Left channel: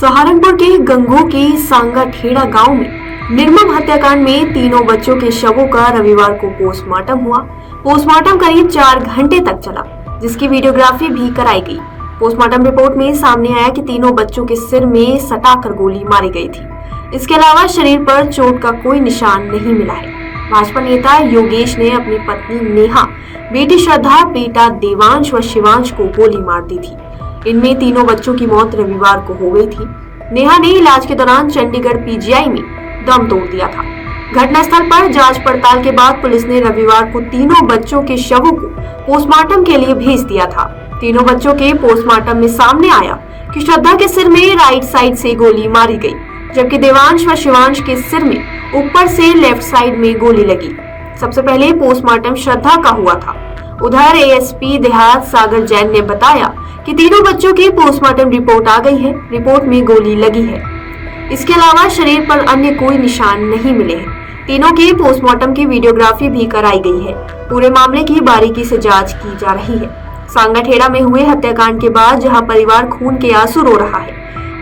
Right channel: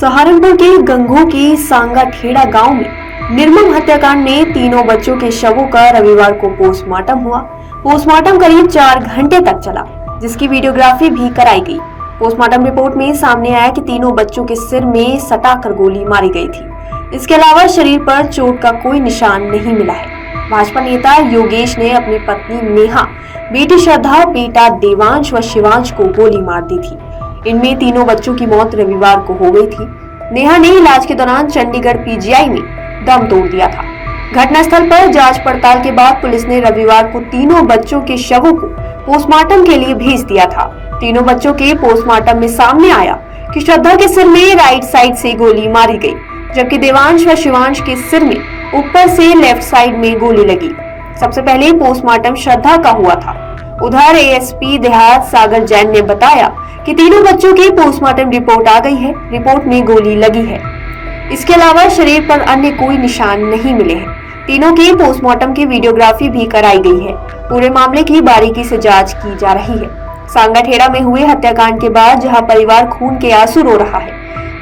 सहारनपुर के गंगो की सांगाठेड़ा गांव में निर्मम हत्याकांड में तीनों बच्चों के शवों का रविवार को पोस्टमार्टम हुआ। पोस्टमार्टम करीब 4 घंटे तक चला, जिसकी वीडियोग्राफी भी कराई गई। पोस्टमार्टम रिपोर्ट में सामने आया कि तीनों बच्चों के सिर में सटाकर गोली मारी गई थी। इसके अलावा शरीर पर चोट का कोई निशान नहीं मिला है। भाजपा नेता योगेश ने अपनी पत्नी नेहा, बेटी श्रद्धा, बेटा देवांश व शिवांश को गोली मार दी थी। इनमें तीनों बच्चों की मौत रविवार को हो गई थी। नेहा ने इलाज के दौरान चंडीगढ़ पीजीआई में दम तोड़ दिया था। घटनास्थल पर जांच पड़ताल के बाद पुलिस ने रविवार को तीनों बच्चों के शवों को पोस्टमार्टम के लिए भेज दिया था। तीनों बच्चों के पोस्टमार्टम में सामने आया कि श्रद्धा के सिर में राइट साइड से गोली मारी गई, जबकि देवांश व शिवांश के सिर में ऊपर से लेफ्ट साइड में गोली लगी। सबसे पहले पोस्टमार्टम श्रद्धा का हुआ था। उधर एएसपी देहात सागर जैन ने बताया कि तीनों बच्चों की पोस्टमार्टम रिपोर्ट आ गई है। रिपोर्ट में गोली लगी है। इसके अलावा शरीर पर अन्य कोई निशान नहीं मिले हैं। तीनों की पोस्टमार्टम की वीडियोग्राफी भी कराई गई है। पूरे मामले की बारीकी से जांच की जा रही है। सांगाठेड़ा में हुए हत्याकांड के बाद जहां परिवार खून के आंसू रो रहा है,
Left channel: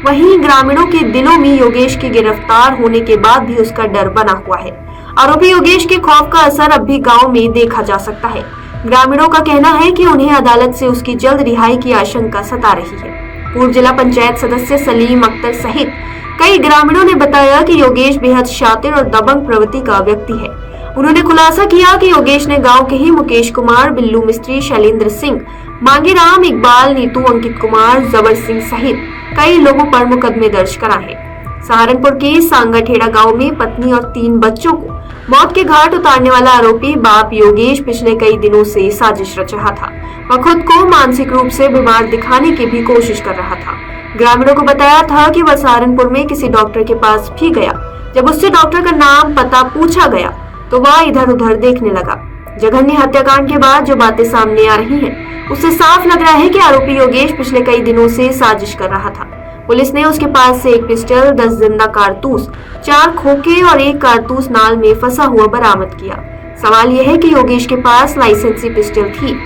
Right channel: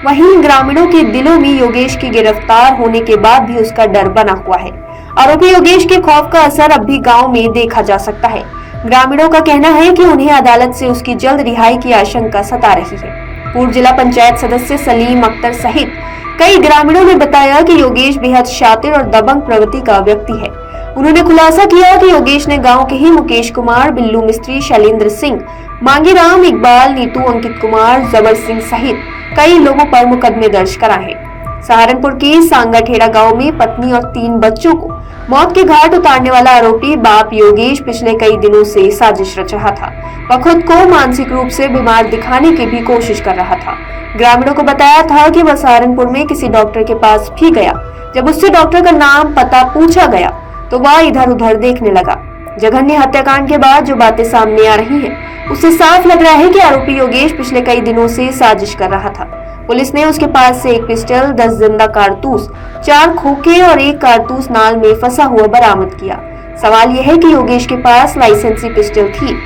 वहीं ग्रामीणों के दिलों में योगेश के गिरफ्तार होने के बाद भी उसका डर बना हुआ है। आरोपी योगेश के खौफ का असर अब भी गाँव में देखा जा सकता है। ग्रामीणों का कहना है कि उन्हें अदालत से उसकी जल्द रिहाई की आशंका सता रही है। पूर्व जिला पंचायत सदस्य सलीम अख्तर सहित कई ग्रामीणों ने बताया कि योगेश बेहद शातिर और दबंग प्रवृत्ति का व्यक्ति है। उन्होंने खुलासा किया कि योगेश ने गांव के ही मुकेश कुमार, बिल्लू मिस्त्री, शैलेंद्र सिंह, मांगीराम, इकबाल, नीतू, अंकित कुमार, जबर सिंह सहित कई लोगों पर मुकदमे दर्ज कराए हैं। सहारनपुर के सांगाठेड़ा गांव में पत्नी और 3 बच्चों को मौत के घाट उतारने वाला आरोपी बाप योगेश पिछले कई दिनों से साजिश रच रहा था। वह खुद को मानसिक रूप से बीमार दिखाने की भी कोशिश कर रहा था। ग्रामीणों को बताया था कि वह सहारनपुर में किसी डॉक्टर के पास भी गया। जब उससे डॉक्टर का नाम पता पूछा गया तो वह इधर उधर देखने लगा। जघन्य हत्याकांड के बाद जो बातें सामने आ रही हैं, उससे साफ लग रहा है कि आरोपी योगेश पिछले कई दिनों से साजिश कर रहा था। पुलिस ने उसके पास से 1 पिस्टल, 10 जिंदा कारतूस, 4 खोखे और 1 कारतूस नाल में फंसा हुआ बरामद किया। सवाल यह है कि योगेश के पास लाइसेंसी पिस्टल थी,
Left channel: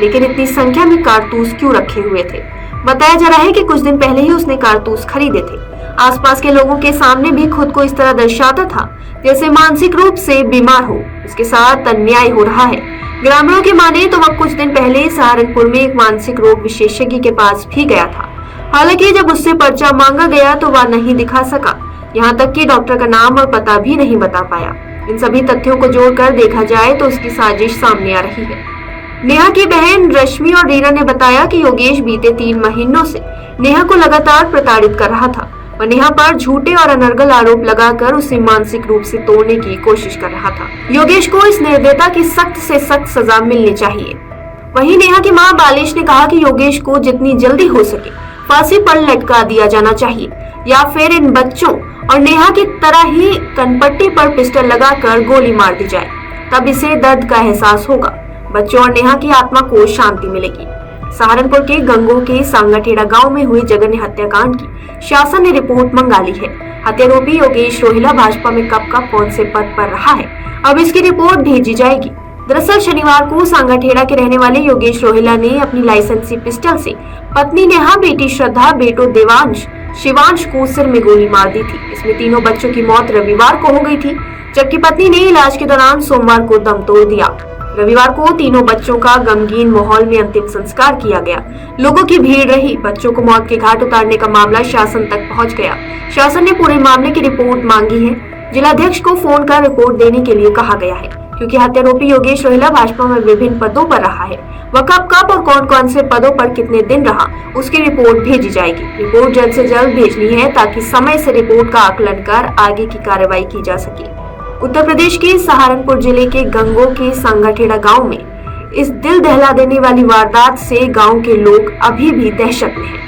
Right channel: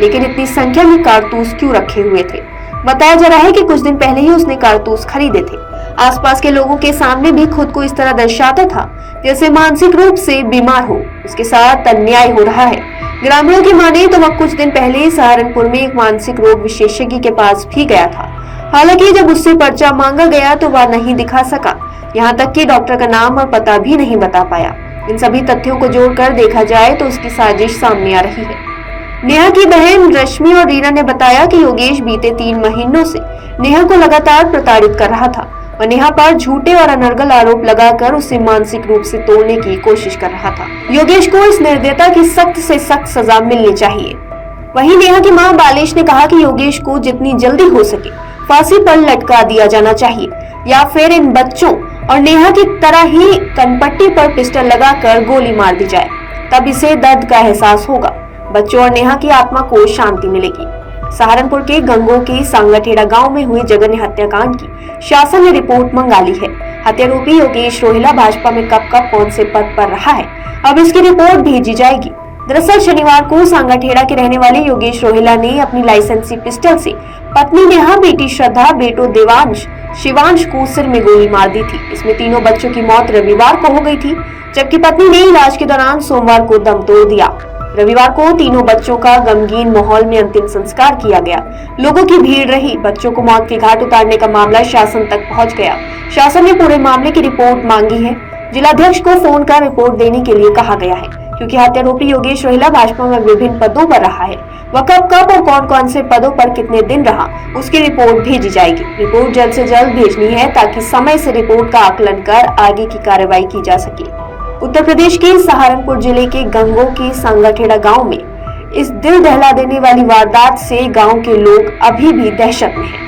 लेकिन इतनी संख्या में कारतूस क्यों रखे हुए थे? बताया जा रहा है कि कुछ दिन पहले ही उसने कारतूस खरीदे थे। आसपास के लोगों के सामने भी खुद को इस तरह दर्शाता था जैसे मानसिक रूप से बीमार हो। उसके साथ अन्याय हो रहा है। ग्रामीणों की माने तो वह कुछ दिन पहले सहारनपुर में एक मानसिक रोग विशेषज्ञ के पास भी गया था। हालांकि जब उससे पर्चा मांगा गया तो वह नहीं दिखा सका। यहाँ तक कि डॉक्टर का नाम और पता भी नहीं बता पाया। इन सभी तथ्यों को जोड़कर देखा जाए तो उसकी साजिश सामने आ रही है। नेहा की बहन रश्मि और रीना ने बताया कि योगेश बीते 3 महीनों से नेहा को लगातार प्रताड़ित कर रहा था और नेहा पर झूठे और अनर्गल आरोप लगाकर उसे मानसिक रूप से तोड़ने की कोशिश कर रहा था। योगेश को इस निर्दयता की सख्त से सख्त सजा मिलनी चाहिए। वहीं नेहा की मां बालेश ने कहा कि योगेश को जितनी जल्दी हो सके फांसी पर लटका दिया जाना चाहिए, या फिर इन बच्चों और नेहा की तरह ही कनपट्टी पर पिस्टल लगाकर गोली मार दी जाए। तब इसे दर्द का एहसास होगा। बच्चों और नेहा की आत्मा को शांति मिलेगी। सहारनपुर के गंगो के सांगाठेड़ा गांव में हुए जघन्य हत्याकांड की शासन ने रिपोर्ट मंगा ली है। हत्यारोपी योगेश रोहिला भाजपा में कब कौन से पद पर रहा है, अब इसकी रिपोर्ट भेजी जाएगी। दरअसल शनिवार को सांगाठेड़ा के रहने वाले योगेश रोहिला ने अपनी लाइसेंसी पिस्टल से पत्नी नेहा, बेटी श्रद्धा, बेटों देवांश, शिवांश को सिर में गोली मार दी थी। इसमें तीनों बच्चों की मौत रविवार को हो गई थी, जबकि पत्नी ने इलाज के दौरान सोमवार को दम तोड़ दिया। रविवार को तीनों बच्चों का गमगीन माहौल में अंतिम संस्कार किया गया। लोगों की भीड़ रही। बच्चों को मौत के घाट उतारने का मामला शासन तक पहुंच गया। शासन ने पूरे मामले की रिपोर्ट मांगी है। जिलाध्यक्ष को फोन कर रिपोर्ट देने के लिए कहा गया है, क्योंकि हत्यारोपी योगेश रोहिला भाजपा में विभिन्न पदों पर रहा है। वह कब और कौन से पदों पर कितने दिन रहा, उसकी रिपोर्ट भेजी जाएगी। रिपोर्ट जल्द से जल्द भेजनी है ताकि समय से रिपोर्ट का आकलन कर आगे की कार्रवाई की जा सके। उत्तर प्रदेश के सहारनपुर जिले के गंगो के सांगाठेड़ा गांव में इस दिल दहला देने वाली वारदात से गांव के लोग अभी भी दहशत में हैं।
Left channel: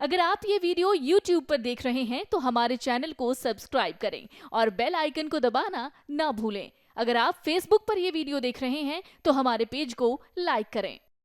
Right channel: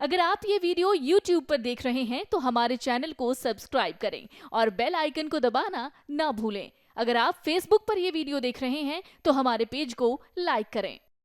अगर आप ये वीडियो YouTube पर देख रहे हैं तो हमारे चैनल को सब्सक्राइब करें और बेल आइकन को दबाना ना भूलें। अगर आप Facebook पर ये वीडियो देख रहे हैं तो हमारे पेज को लाइक करें।